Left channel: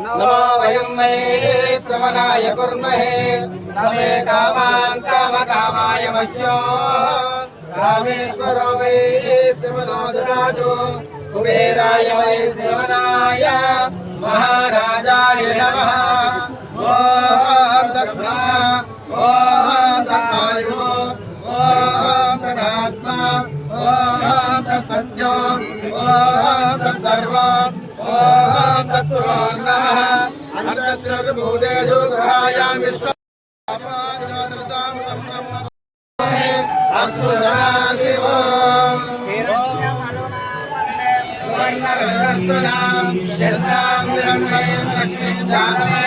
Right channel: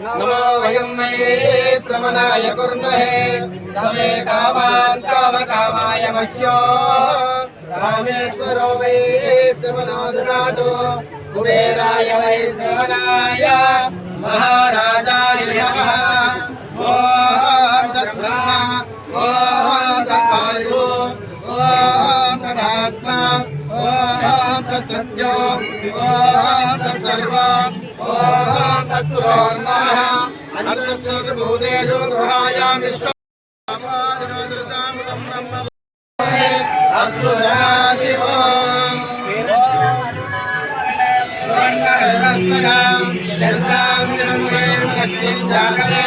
नमो वयं मये श्रवणाय कुर्महे समे कामान् कामकामाय मह्यो रामेश्वरो वै श्रवणो ददातु कुबेराय वै श्रवणाय महाराजाय नमः ॐ तद्ब्रह्मा ॐ तद्वायु ॐ तदात्मा ॐ तत्सत्यो ॐ तत्सर्व ॐ तत्पुरो नमः अनन्तभूतेषु ग्रहायां अस्तु सदाशिवो स्वर्णरजस्वजां चन्द्रां निरमणीं लक्ष्मीं जानवे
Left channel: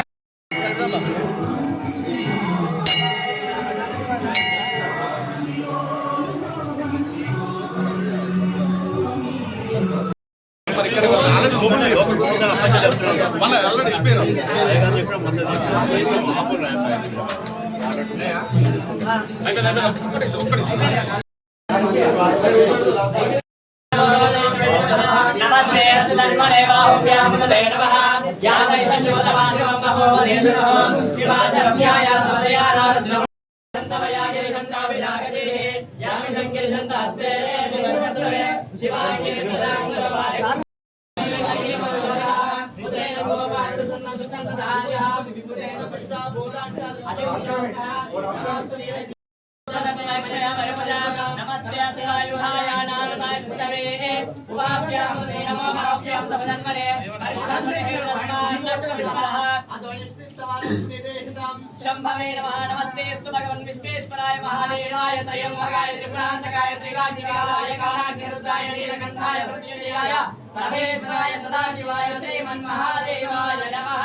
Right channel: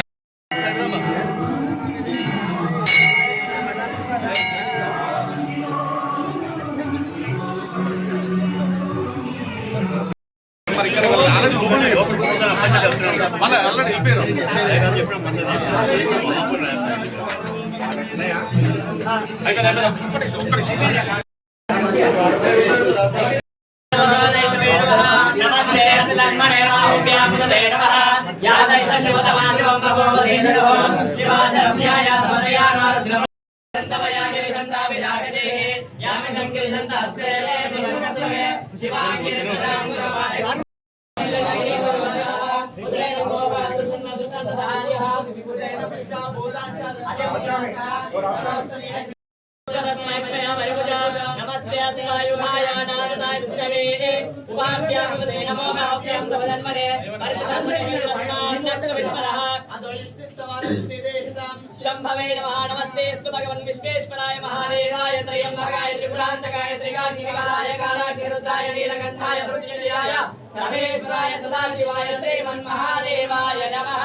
शंभवे नमः। नमस्तेस्तु भगवन् विश्वेश्वराय महादेवाय त्र्यंबकाय त्रिपुरान्तकाय त्रिकाग्निकालाय कालाग्निरुद्राय नीलकण्ठाय मृत्युंजयाय सर्वेश्वराय सदाशिवाय श्रीमन्महादेवाय नमः।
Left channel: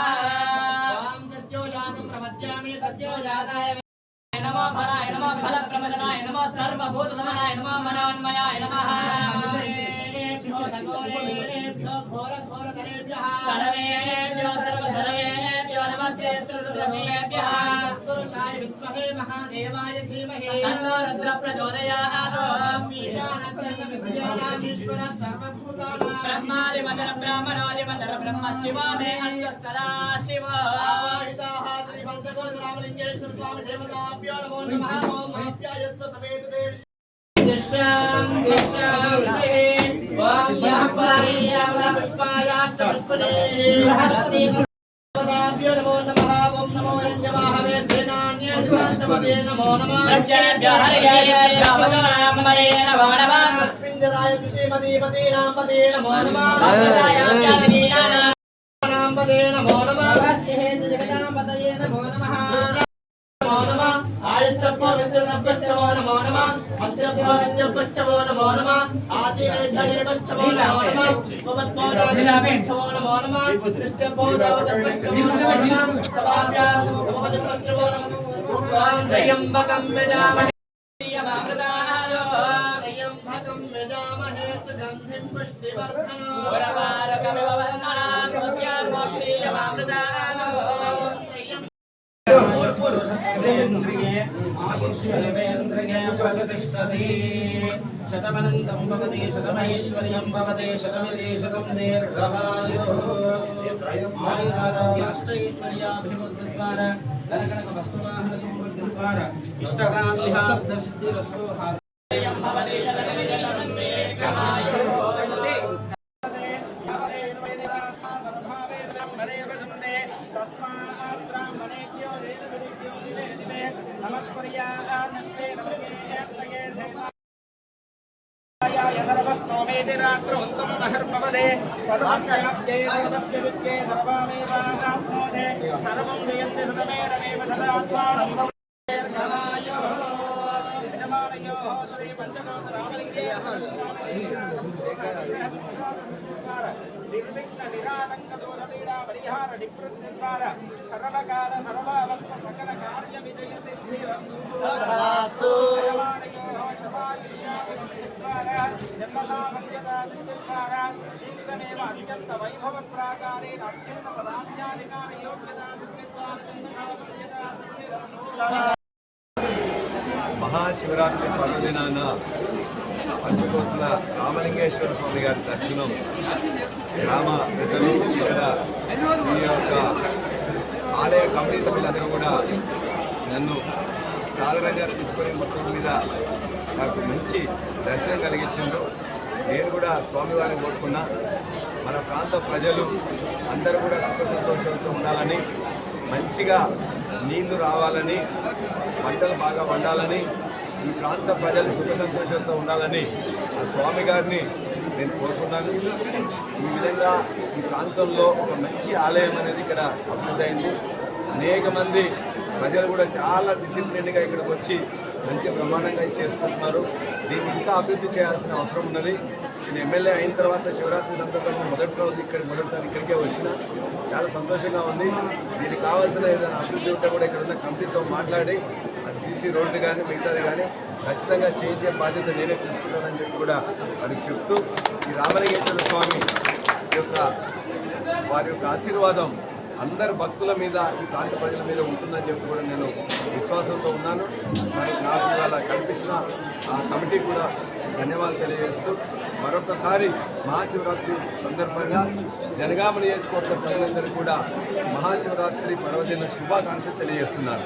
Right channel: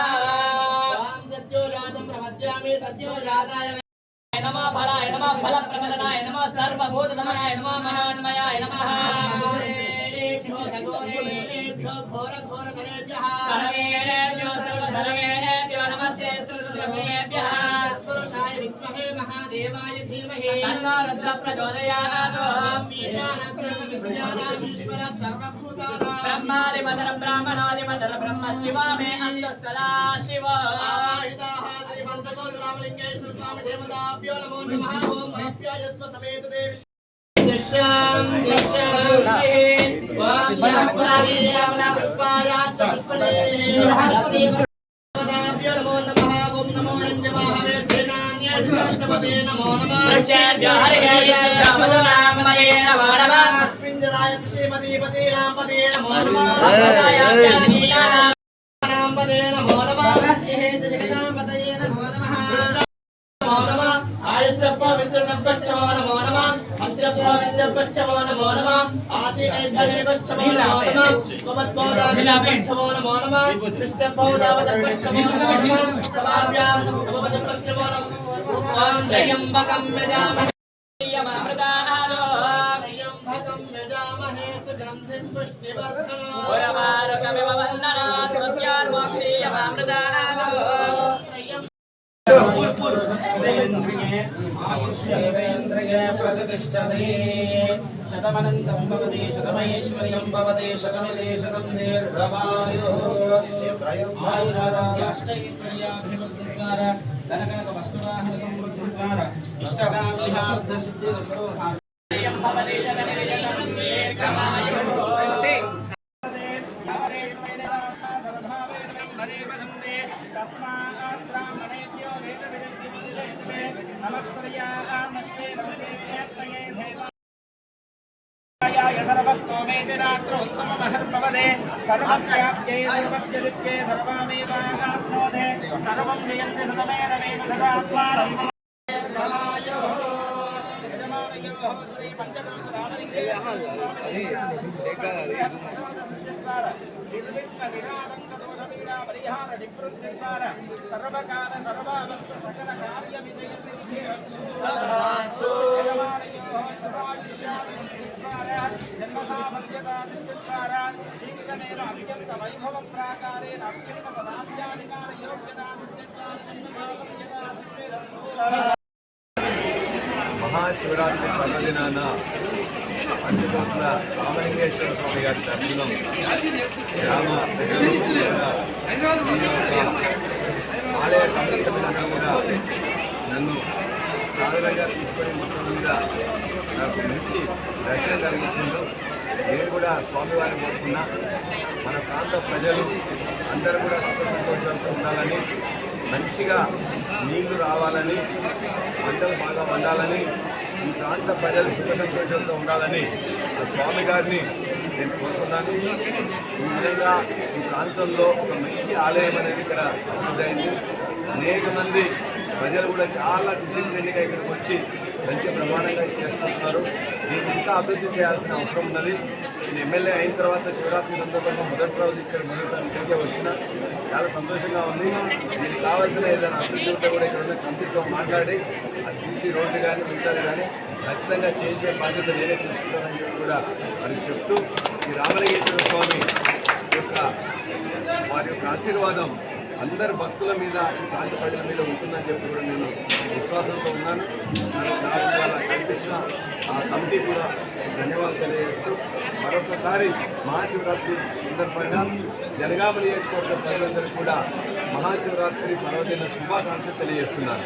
राम सत्योजातं प्रपद्यामि सत्योजाताय नमः। फलाय नमः फलप्रपदनाय नमः सर्वभूतधमनाय नमः मनोन्मयाय नमः। सर्वेभ्यो सर्वधर्मेभ्यो नमस्ते सर्वधर्मेभ्यः पुरुषाय विद्महे महादेवाय धीमहि तन्नो रुद्रः प्रचोदयात्। ईशानस्तर्वविद्यानामीश्वरः सर्वभूतानां ब्रह्मादिमधुर ब्राह्मणादिमधुर ब्रह्म शिवा मे अस्तु सदा शिव। श्रीमन्तगोत्ररामलिङ्गेश्वर स्वामी देवताभ्यो नमो नमः। ओम महाभ्यायस्व समेत देव शतमनन्तं भवति शतमैश्वर्यं भवति शतमिति शतं दीर्घमायुः आयुरारोग्याष्टैश्वर्याभिवृद्धिद्वारा धनकनकवस्तुवाहन समृद्धिद्वारा इष्टकाम्यसिद्धिरस्तु भवति शतमिति शतं दीर्घमायुः नमस्पर्यामस्ते नमस्ते सर्वस्तोमेति रात्रोत्तममहर्भवदे सर्वस्याप्ये सर्वस्य दुःखे सर्वमेवाप्नोते सर्वं जयन्ति सतमेरमेव सदात्मानं यजमानयोः श्री पञ्चकोश निर्विघ्न निरानंक दोष पीड़ा परिहार निवृत्ति द्वारा सर्वकाल सर्वावस्थ सकल कार्य विजय सिद्धिरस्तु यजमानयोः शतायुष्याद्वारा जन्म साफल्यता सिद्धिद्वारा शीघ्रमेव अत्यंत वैभव प्राकारेण अत्यंत पदाध्याधिकार योग्यता सिद्धिद्वारा जन्म साफल्यता सिद्धिरस्तु మహాశివరాత్రి పర్వదినాన పంచకోశల రామలింగేశ్వర స్వామి గారి దర్శనం గ్రామ ప్రజలు కూడా ఈ యొక్క ఆలయ కమిటీ సభ్యులందరూ కూడా నన్ను సాధారణంగా తీసుకొని మొత్తం మీద నాకు మంచి దర్శనం కలిగించింది. నేను కూడా స్వామివారిని కోరుకున్నా మన ప్రాంత ప్రజలు అందరూ కూడా సుఖ సంతోషాలతో ఉండాలని, మంచిగా నీళ్లు రావాలని, పంటలు బాగా వండాలని, ఈ ప్రాంత ప్రజలు సుఖ సంతోషంతో ఉండాలని ఆ స్వామి గారిని నేను కోరుకున్నాను. ఈ విధంగా ఈ ప్రాంతంలో ఒక మంచి ఆలయం అనేది ఇక్కడ అభివృద్ధి అయింది. అనేక మంది ప్రజలు కూడా చాలా డిసిప్లిన్గా ఇక్కడికి వచ్చి మంచి బ్రహ్మాండంగా చేసుకుంటున్నారు. దీన్ని ఇంకా అభివృద్ధి చేయాల్సిన అవసరం ఉన్నది. నేను ఎమ్మెల్యే అయిన తర్వాత శివరాత్రి సందర్భంగా మొదటిసారి ఇక్కడికే వచ్చిన చాలా సంతోషంగా ఉంది. దీనికి కావాల్సిన ఏదైనా అభివృద్ధి ఉంటే కూడా ఇక్కడ ఉన్న కమిటీతో మాట్లాడి అది సీసీ రోడ్డు కానీ మిగతాది కానీ ఖచ్చితంగా చేయించే బాధ్యత నేనే తీసుకుంటానని చెప్పి కూడా వారికి చెప్తూ, ఈ రామలింగేశ్వర స్వామి యొక్క వారి యొక్క ఆశీర్వాదం అందరు భక్తుల మీద, ఈ ప్రాంత ప్రజల మీద ఉంటుందని చెప్పి కూడా నేను విశ్వాసంతో ఉన్నాను. నాకు ఇవాళ కల్పించిన ఆ కమిటీ కూడా ధన్యవాదాలు తెలియజేస్తూ మరొకసారి మహాశివరాత్రి సందర్భంగా జనగామ నియోజకవర్గ ప్రజలందరూ కూడా మహాశివరాత్రి పర్వదిన శుభాకాంక్షలు తెలియజేస్తున్నాను.